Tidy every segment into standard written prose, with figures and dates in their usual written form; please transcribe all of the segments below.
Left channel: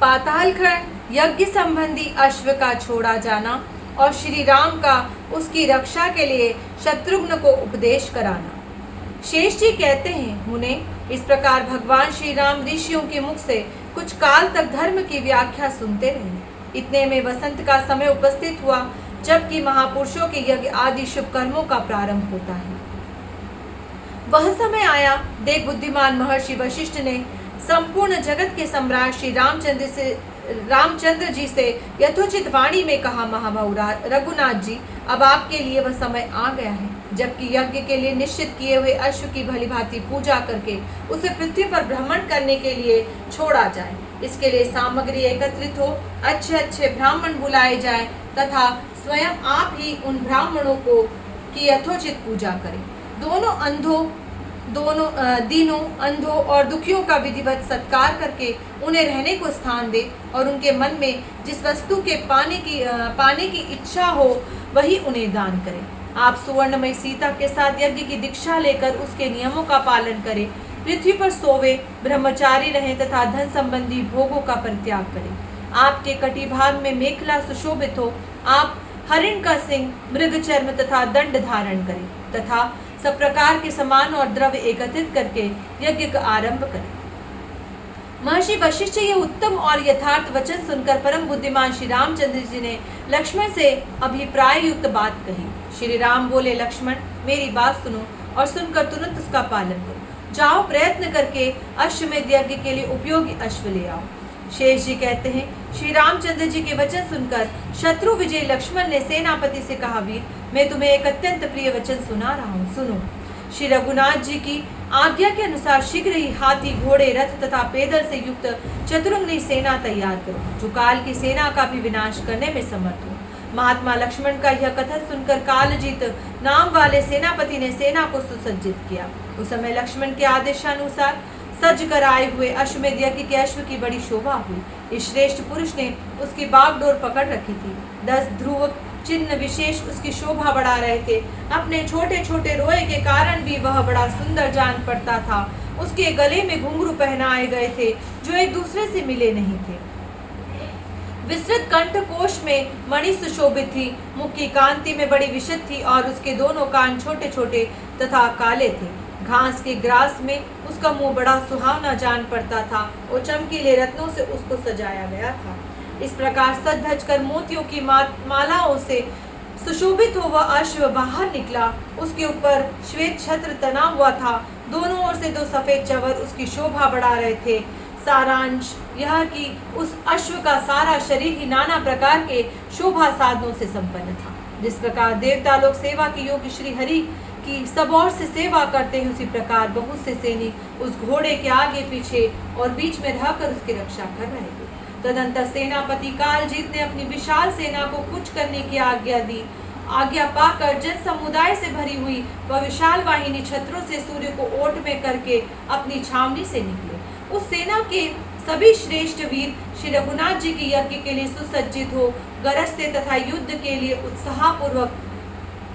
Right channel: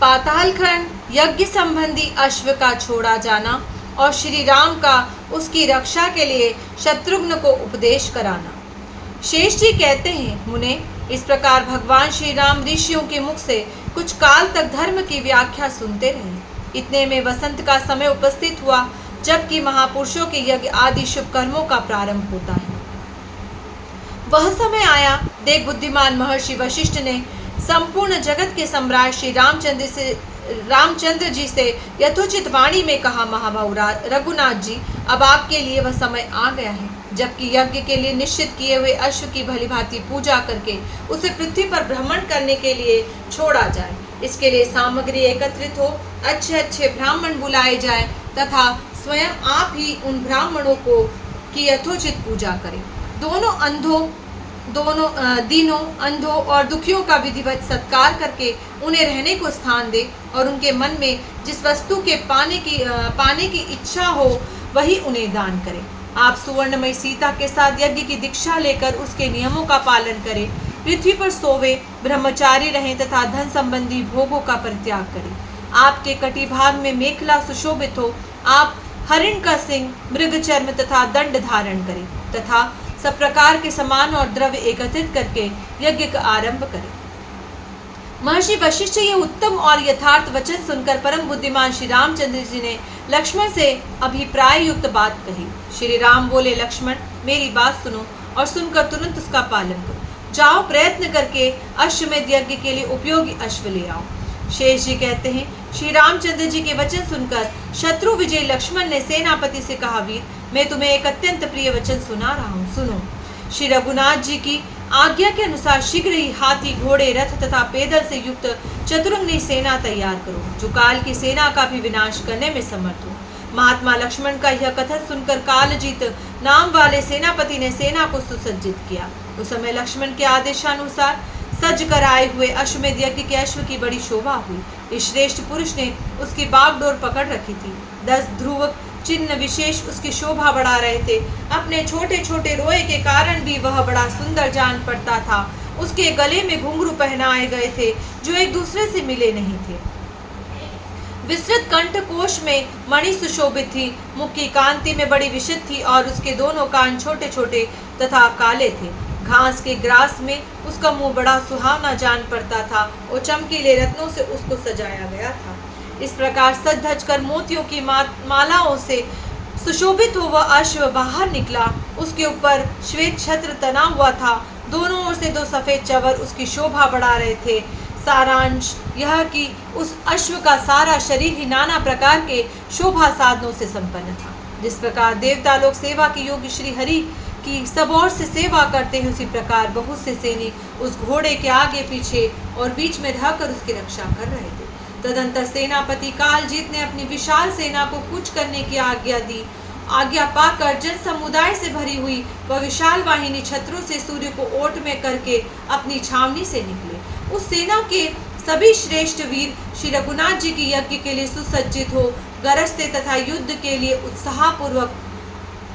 पातालखंड, यज्ञ संबंधी अश्व का छोड़ा जाना और श्री राम का उसकी रक्षा के लिए शत्रुघ्न को उपदेश कराना। शेष जी कहते हैं, मुने, इस प्रकार भगवान श्री राम ऋषियों के मुख से कुछ काल तक धर्म की व्याख्या सुनते रहे। इतने में वसंत का समय उपस्थित हुआ, जबकि महापुरुषों के यज्ञ आदि शुभ कर्मों का प्रारंभ होता है। वह समय आया, देख बुद्धिमान महर्षि वशिष्ठ ने संपूर्ण जगत के सम्राट श्री रामचंद्र जी से यथोचित वाणी में कहा, महाबाहु रघुनाथ जी, अब आपके लिए वह समय आ गया है, जबकि यज्ञ के लिए निश्चित किए हुए अश्व की भली भांति पूजा करके उसे पृथ्वी पर भ्रमण करने के लिए छोड़ा जाए। इसके लिए सामग्री एकत्रित हो, अच्छे अच्छे ब्राह्मण बुलाए जाए तथा स्वयं आप ही उन ब्राह्मणों को की यथोचित पूजा करें। दीनों, अंधों और दुखियों का विधिवत सत्कार करके उन्हें रहने को स्थान दे और उनके मन में जिस वस्तु के पाने की इच्छा हो वही उन्हें दान करें। आप सुवर्णमयी सीता के साथ यज्ञ की दीक्षा लेकर उसके नियमों का पालन करें, पृथ्वी पर सोवे, ब्रह्मचारी रहें तथा धन संबंधी भोगों का परित्याग करें। आपके कटिभाग में मेखला सुशोभित हो, आप हरिण का सिंह, मृग चर्म तथा दंड धारण करें तथा सब प्रकार के सामान और द्रव्य एकत्रित करके यज्ञ का आरंभ करें। महर्षि वशिष्ठ ये उत्तम और यथार्थ वचन सुनकर परम बुद्धिमान श्री रामचंद्र जी ने लक्ष्मण से अभिप्राय युक्त बात कही। श्री राम बोले, लक्ष्मण, मेरी बात सुनो और सुनकर तुरंत उसका पालन करो। जाओ, प्रयत्न करके अश्वमेध यज्ञ के लिए उपयोगी अश्व ले आओ। शेष जी कहते हैं, श्री रामचंद्र जी के वचन सुनकर शत्रु विजय लक्ष्मण ने सेनापति से कहा, वीर, मैं तुम्हें एक अत्यंत प्रिय वचन सुना रहा हूँ, सुनो। श्री रघुनाथ जी की आज्ञा के अनुसार शीघ्र ही हाथी, घोड़े, रथ तथा पैदल से युक्त चतुरंगी सेना तैयार करो, जो काल की सेना का भी विनाश करने में समर्थ हो। महात्मा लक्ष्मण का यह कथन सुनकर कालजीत नाम वाले सेनापति ने सेना को सुसज्जित किया। उस समय लक्ष्मण के आदेशानुसार सज कर आए हुए अश्वमेध यज्ञ के अश्व की बड़ी शोभा हुई। इस श्रेष्ठ पुरुष ने उसकी बागडोर पकड़ रखी थी। 10 ध्रुव चिन्ह विशेष उसकी शोभा बढ़ा रहे थे। अपने छोटे छोटे रोए के कारण भी वह बड़ा सुंदर जान पड़ता था। उसके गले में घुंघरू पहनाए गए थे जो एक दूसरे से मिले नहीं थे। विस्तृत कंठ कोश में मणि सुशोभित थी। मुख की कांति में बड़ी विशद थी और उसके दोनों कान छोटे छोटे तथा काले थे। घास के ग्रास में उसका मुंह बड़ा सुहावना जान पड़ता था और चमकीले रत्नों से उसको सजाया गया था। इस प्रकार सज धज कर मोतियों की मालाओं से सुशोभित हो वह अश्व बाहर निकला। उसके ऊपर श्वेत छत्र तना हुआ था। दोनों ओर से 2 सफेद चवर उसकी शोभा बढ़ा रहे थे। सारांश यह कि उस अश्व का सारा शरीर ही नाना प्रकार के शोभा साधनों से संपन्न था। जिस प्रकार देवता लोग सेवा के योग्य श्री हरि की सब ओर से सेवा करते हैं, उसी प्रकार बहुत से सैनिक उस घोड़े के आगे पीछे और बीच में रहकर उसकी रक्षा कर रहे थे। तदंतर सेनापति कालजीत ने अपनी विशाल सेना को कूच करने की आज्ञा दी। आज्ञा पाकर जन समुदाय से भरी हुई वह विशाल वाहिनी छत्रों से सूर्य को ओट में करके अपनी छावनी से निकले। उस सेना के सभी श्रेष्ठ वीर श्री रघुनाथ जी की यज्ञ के लिए सुसज्जित हो गरजते तथा युद्ध के लिए उत्साहपूर्वक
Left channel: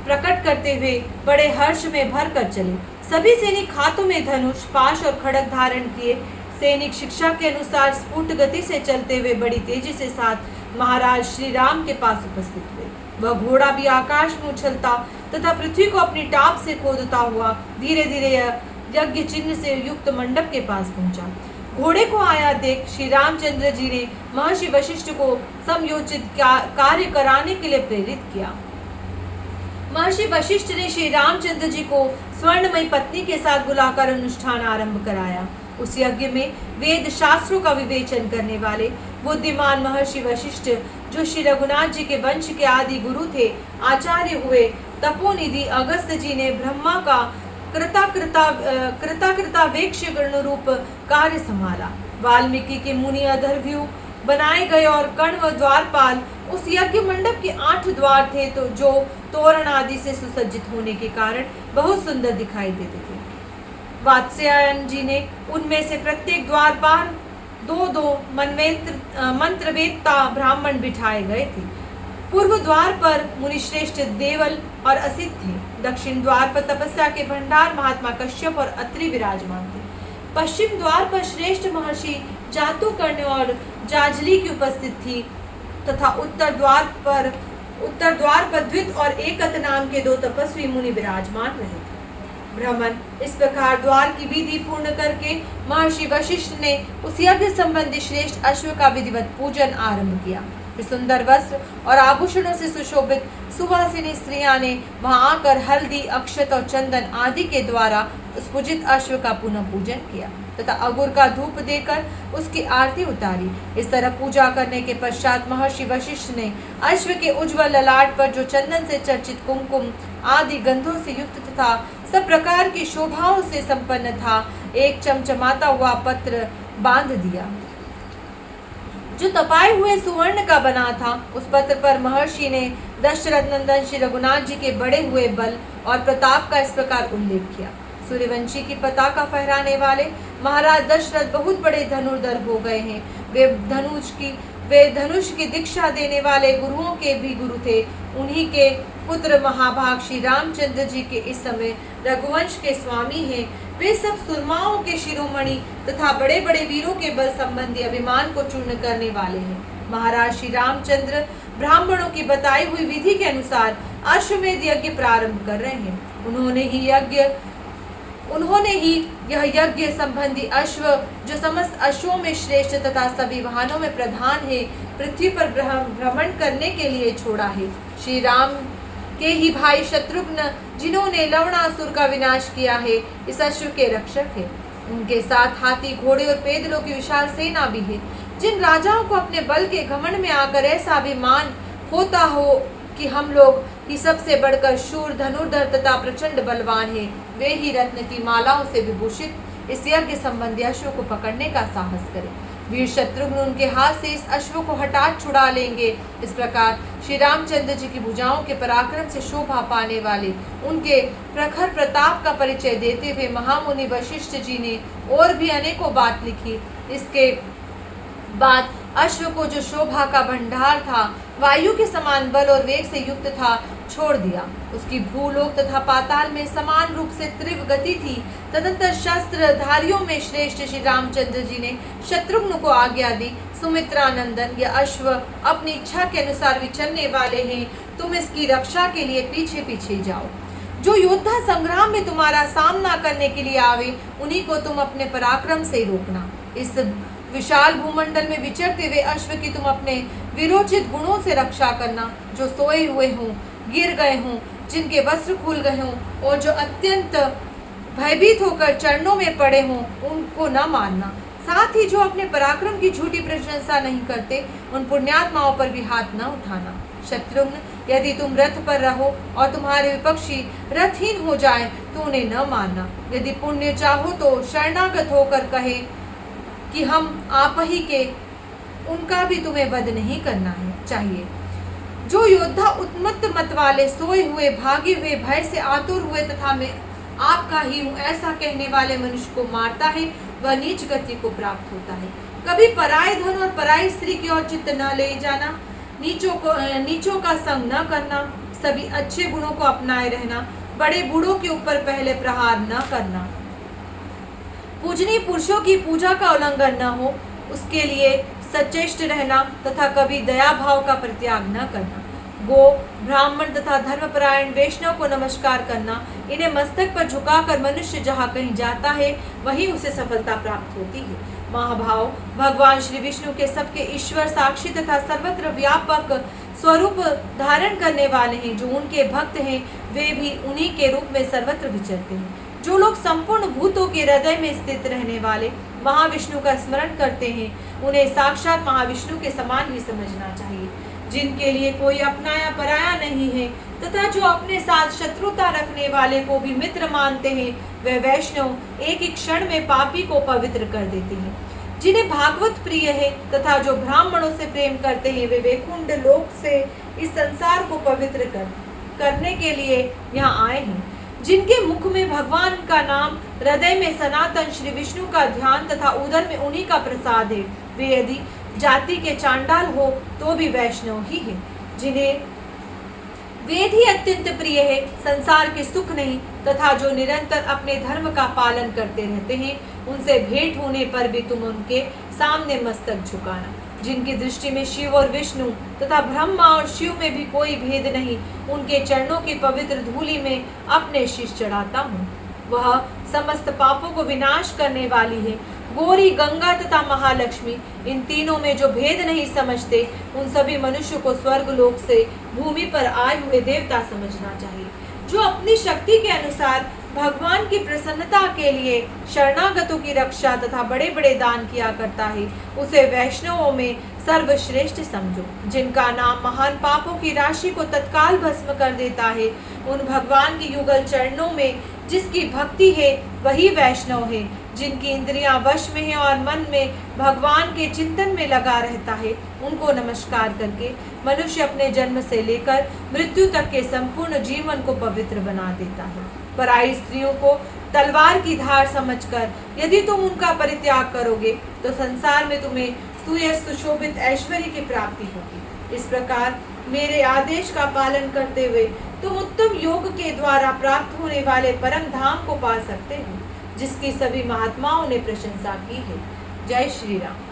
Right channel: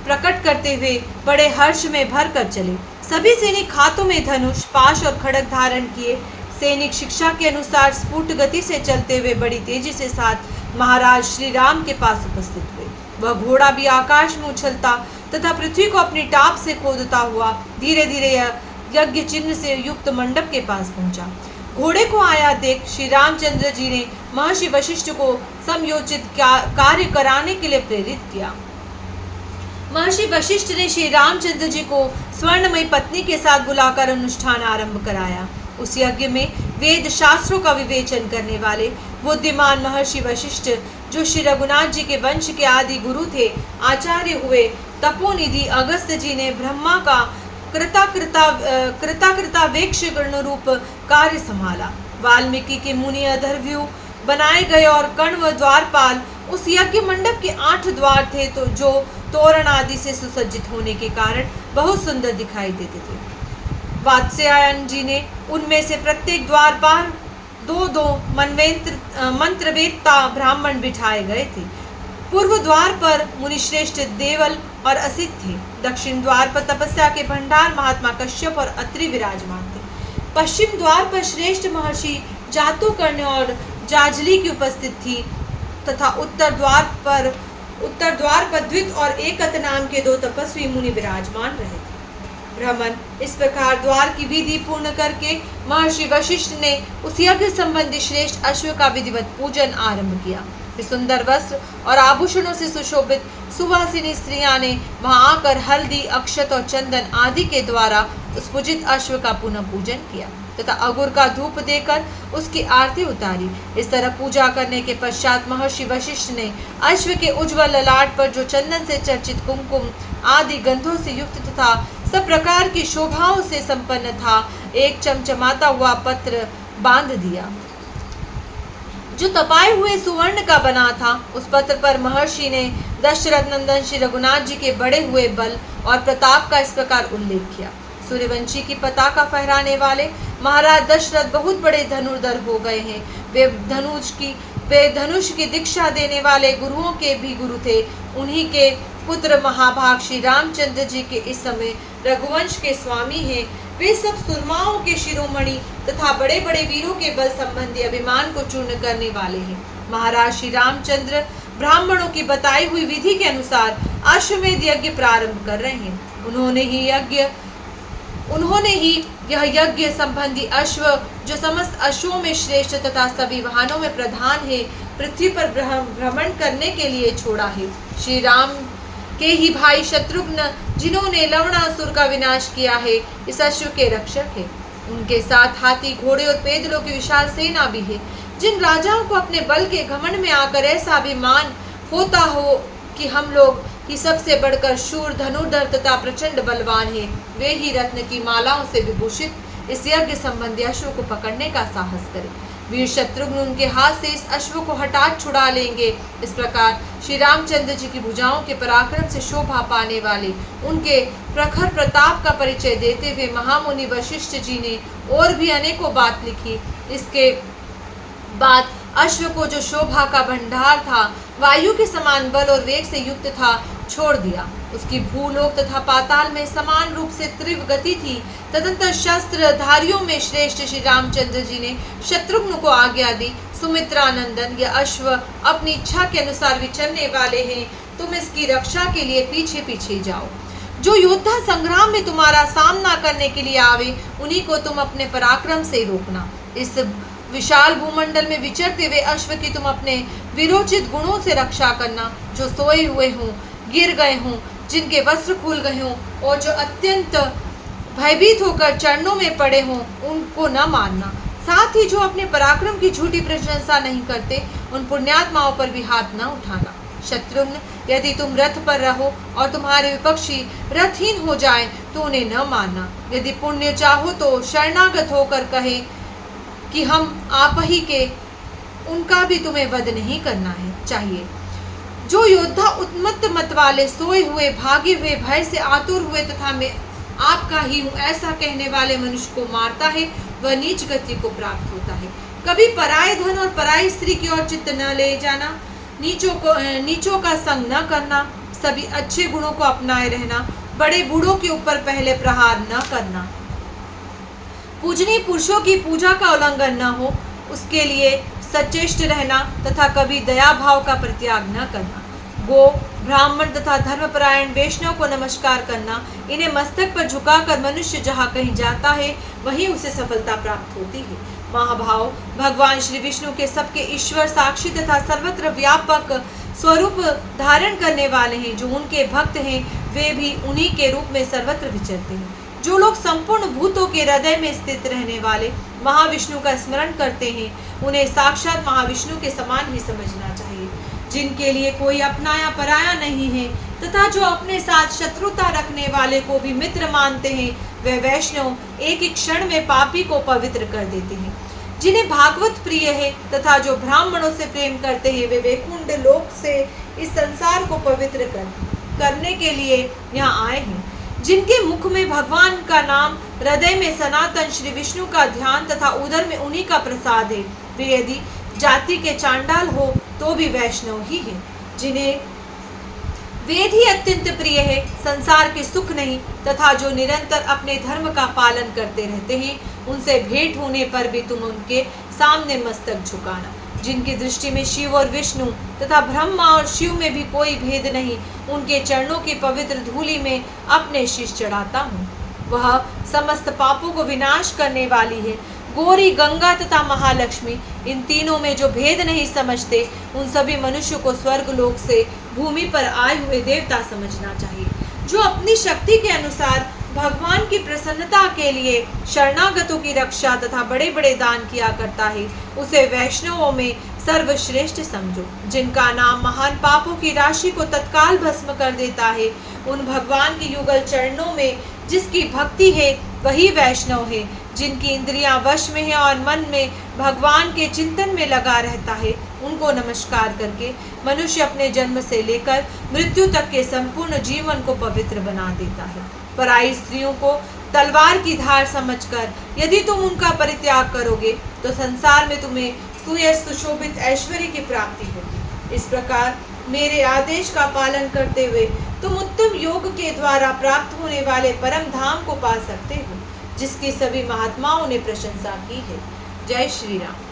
प्रकट करते हुए बड़े हर्ष में भर कर चले। सभी सैनिक हाथों में धनुष, पाश और खड़ग धारण किए। सैनिक शिक्षा के अनुसार स्फुट गति से चलते हुए बड़ी तेजी से साथ महाराज श्री राम के पास उपस्थित हुए। वह घोड़ा भी आकाश में उछलता तथा पृथ्वी को अपनी टाप से खोदता हुआ धीरे धीरे यज्ञ चिन्ह से युक्त मंडप के पास पहुंचा। घोड़े को आया देख श्री रामचंद्र जी ने महर्षि वशिष्ठ को समयोचित कार्य कराने के लिए प्रेरित किया। महर्षि वशिष्ठ ने श्री रामचंद्र जी को स्वर्णमयी पत्नी के साथ बुलाकर अनुष्ठान आरंभ कराया। उस यज्ञ में वेद शास्त्रों का विवेचन करने वाले बुद्धिमान महर्षि वशिष्ठ, जो श्री रघुनाथ जी के वंश के आदि गुरु थे, आचार्य हुए। तपोनिधि अगस्त्य जी ने ब्रह्मा का कृताकृतावेक्ष गण रूप कार्य संभाला। वाल्मीकि के मुनि अधर्व्यू बनाए गए और कर्ण व द्वारपाल उस यज्ञ मंडप के 8 द्वार थे, तो जो तोरण आदि से सुसज्जित होने के कारण बहुत सुंदर दिखाई देते थे। वात्स्यायन जी ने उनमें से प्रत्येक द्वार पर 2-2 मंत्रवेत्ता ब्राह्मण बिठाए गए थे। पूर्व द्वार पर मुनिश्रेष्ठ देवल और असित थे। दक्षिण द्वार पर तपस्या के भंडार महात्मा कश्यप और अत्रि विराजमान थे। पश्चिम द्वार पर श्रेष्ठ महर्षि जातुकर्ण और जाजली की उपस्थित थी तथा उत्तर द्वार पर द्वित और एकत नाम के 2 तपस्वी मुनि विराजमान रहे थे। ब्राह्मण इस प्रकार द्वार की विधि पूर्ण करके महर्षि वशिष्ठ ने उस यज्ञ संबंधी श्रेष्ठ अश्व का विधिवत पूजन आरंभ किया। सुंदर वस्त्र और आभूषणों से सुशोभित सुवासिनी स्त्रियां ने वहां आकर हल्दी, अक्षत और चंदन आदि के द्वारा उस पूजित अश्व का पुनः पूजन किया तथा अगुर का धूप देकर उसकी आरती उतारी। इस तरह पूजा करने के पश्चात महर्षि वशिष्ठ ने अश्व के उज्ज्वल ललाट पर जो चंदन से चर्चित कुमकुम आदि गंधों से युक्त तथा सब प्रकार की शोभाओं से संपन्न था, एक चमचमाता हुआ पत्र बांध दिया जो तपाए हुए सुवर्ण का बना था। उस पत्र पर महर्षि ने दशरथ नंदन श्री रघुनाथ जी के बढ़े हुए बल और प्रताप का इस प्रकार उल्लेख किया। सूर्यवंशी की पताका फहराने वाले महाराज दशरथ बहुत बड़े धनुर्धर हो गए हैं। वे धनुष की दीक्षा देने वाले गुरुओं के भी गुरु थे। उन्हीं के पुत्र महाभाग श्री रामचंद्र जी के इस समय रघुवंश के स्वामी हैं। वे सब सुरमाओं के शिरोमणि तथा बड़े बड़े वीरों के बल संबंधी अभिमान को चूर्ण करने वाले हैं। महाराज श्री रामचंद्र ब्राह्मणों की बताई हुई विधि के अनुसार अश्वमेध यज्ञ प्रारंभ कर रहे हैं। उन्होंने ही यह यज्ञ संबंधी अश्व जो समस्त अश्वों में श्रेष्ठ तथा सभी वाहनों में प्रधान है, पृथ्वी पर भ्रमण करने के लिए छोड़ा है। श्री राम के ही भाई शत्रुघ्न जिन्होंने लवणासुर का विनाश किया है, इस अश्व के रक्षक है। उनके साथ हाथी, घोड़े और पैदलों की विशाल सेना भी है। जिन राजाओं को अपने बल के घमंड में आकर ऐसा अभिमान होता हो कि हम लोग ही सबसे बढ़कर शूर, धनुर्धर तथा प्रचंड बलवान है, वे ही रत्न की मालाओं से विभूषित इस यज्ञ संबंधी अश्व को पकड़ने का साहस करें। वीर शत्रुघ्न उनके हाथ से इस अश्व को हटा छुड़ा लेंगे। इस प्रकार श्री रामचंद्र जी की भुजाओं के पराक्रम से शोभा पाने वाले उनके प्रखर प्रताप का परिचय देते हुए महामुनि वशिष्ठ जी ने और भी अनेकों बात लिखी। इसके बाद अश्व को जो शोभा का भंडार था, वायु के समान बल और वेग से युक्त था, छोड़ दिया। उसकी भूलोक तथा पाताल में समान रूप से तीव्र गति थी। तदंतर शस्त्र धारियों में श्रेष्ठ श्री रामचंद्र जी ने शत्रुघ्न को आज्ञा दी, सुमित्रा नंदन, यह अश्व अपनी इच्छा के अनुसार विचरने वाले हैं, तुम इसकी रक्षा के लिए पीछे पीछे जाओ। जो योद्धा संग्राम में तुम्हारा सामना करने के लिए आवे, उन्हीं को तुम अपने पराक्रम से रोकना। इस विशाल भूमंडल में विचरते हुए अश्व की तुम अपने विरोचित गुणों से रक्षा करना। जो सोए हुए हों, गिर गए हों, जिनके वस्त्र खुल गए हों और जो अत्यंत भयभीत होकर चरणों में पड़े हों, उनको न मारना। साथ ही जो अपने पराक्रम की झूठी प्रशंसा नहीं करते, उन पुण्यात्माओं पर भी हाथ न उठाना। शत्रुघ्न, यदि तुम रथ पर रहो और तुम्हारे विपक्षी रथहीन हो जाए तो उन्हें न मारना। यदि पुण्य चाहो तो शरणागत होकर कहे कि हम आप ही के, उनका भी तुम्हें वध नहीं करना है चाहिए। जो योद्धा उन्मत्त मत वाले, सोए हुए, भागे हुए, भय से आतुर हुए तथा मैं आपका ही हूँ ऐसा कहने वाले मनुष्य को मारता है, वह नीच गति को प्राप्त होता है। कभी पराये धन और पराई स्त्री की ओर चित्त न ले जाना, नीचों का संग न करना, सभी अच्छे गुणों को अपनाए रहना, बड़े बूढ़ों के ऊपर पहले प्रहार न करना, पूजनीय पुरुषों की पूजा का उल्लंघन न हो, उसके लिए सचेष्ट रहना तथा कभी दया भाव का परित्याग न करना। गो, ब्राह्मण तथा धर्मपरायण वैष्णव को नमस्कार करना, इन्हें मस्तक पर झुकाकर मनुष्य जहाँ कहीं जाता है वहीं उसे सफलता प्राप्त होती है। महाभाव भगवान श्री विष्णु के सबके ईश्वर, साक्षी तथा सर्वत्र व्यापक स्वरूप धारण करने वाले हैं। जो उनके भक्त हैं वे भी उन्हीं के रूप में सर्वत्र विचरते हैं। जो लोग संपूर्ण भूतों के हृदय में स्थित रहने वाले महाविष्णु का स्मरण करते हैं, उन्हें साक्षात महाविष्णु के समान ही समझना चाहिए। जिनके लिए कोई अपना या पराया नहीं है तथा जो अपने साथ शत्रुता रखने वाले को भी मित्र मानते हैं, वे वैष्णव एक ही क्षण में पापी को पवित्र कर देते हैं। जिन्हें भागवत प्रिय है तथा जो ब्राह्मणों से प्रेम करते हैं, वे वैकुंठ लोक से इस संसार को पवित्र करने के लिए यहाँ आए हैं। जिनके मुख में भगवान का नाम, हृदय में सनातन श्री विष्णु का ध्यान तथा उदर में उन्हीं का प्रसाद है, वे यदि जाति के चांडाल हो तो भी वैष्णव ही है। जिन्हें वेद ही अत्यंत प्रिय है, संसार के सुख नहीं, तथा जो निरंतर अपने धर्म का पालन करते रहते हैं, उनसे भेंट होने पर भी तुम उनके सामने मस्तक झुकाना। जिनकी दृष्टि में शिव और विष्णु तथा ब्रह्मा और शिव में भी कोई भेद नहीं, उनके चरणों की पवित्र धूलि में अपने शीश चढ़ाता हूँ। वह समस्त पापों को विनाश करने वाली है। गौरी, गंगा तथा महालक्ष्मी, इन तीनों में जो भेद नहीं समझते, उन सभी मनुष्य को स्वर्ग लोक से भूमि पर आए हुए देवता समझना चाहिए। जो अपनी शक्ति के अनुसार भगवान की प्रसन्नता के लिए शरणागतों की रक्षा तथा बड़े बड़े दान किया करता है, उसे वैष्णवों में सर्वश्रेष्ठ समझो। जिनका नाम महान पापों की राशि को तत्काल भस्म कर देता है, उन भगवान के युगल चरणों में जिसकी भक्ति है, वही वैष्णव है। जिनकी इंद्रियां वश में है और मन में भगवान के चिंतन में लगा रहता है, उनको नमस्कार करके मनुष्य अपने जन्म से लेकर मृत्यु तक के संपूर्ण जीवन को पवित्र बना देता है। पराई स्त्रियों को तलवार की धार समझकर यदि तुम उनका परित्याग करोगे, तो संसार में तुम्हें सुयश सुशोभित ऐश्वर्य की प्राप्ति होगी। इस प्रकार मेरे आदेश का पालन करते हुए तुम उत्तम योग के द्वारा प्राप्त होने वाले परम धाम को पा सकते हो, जिसकी सभी महात्माओं ने प्रशंसा की है। जय श्री राम।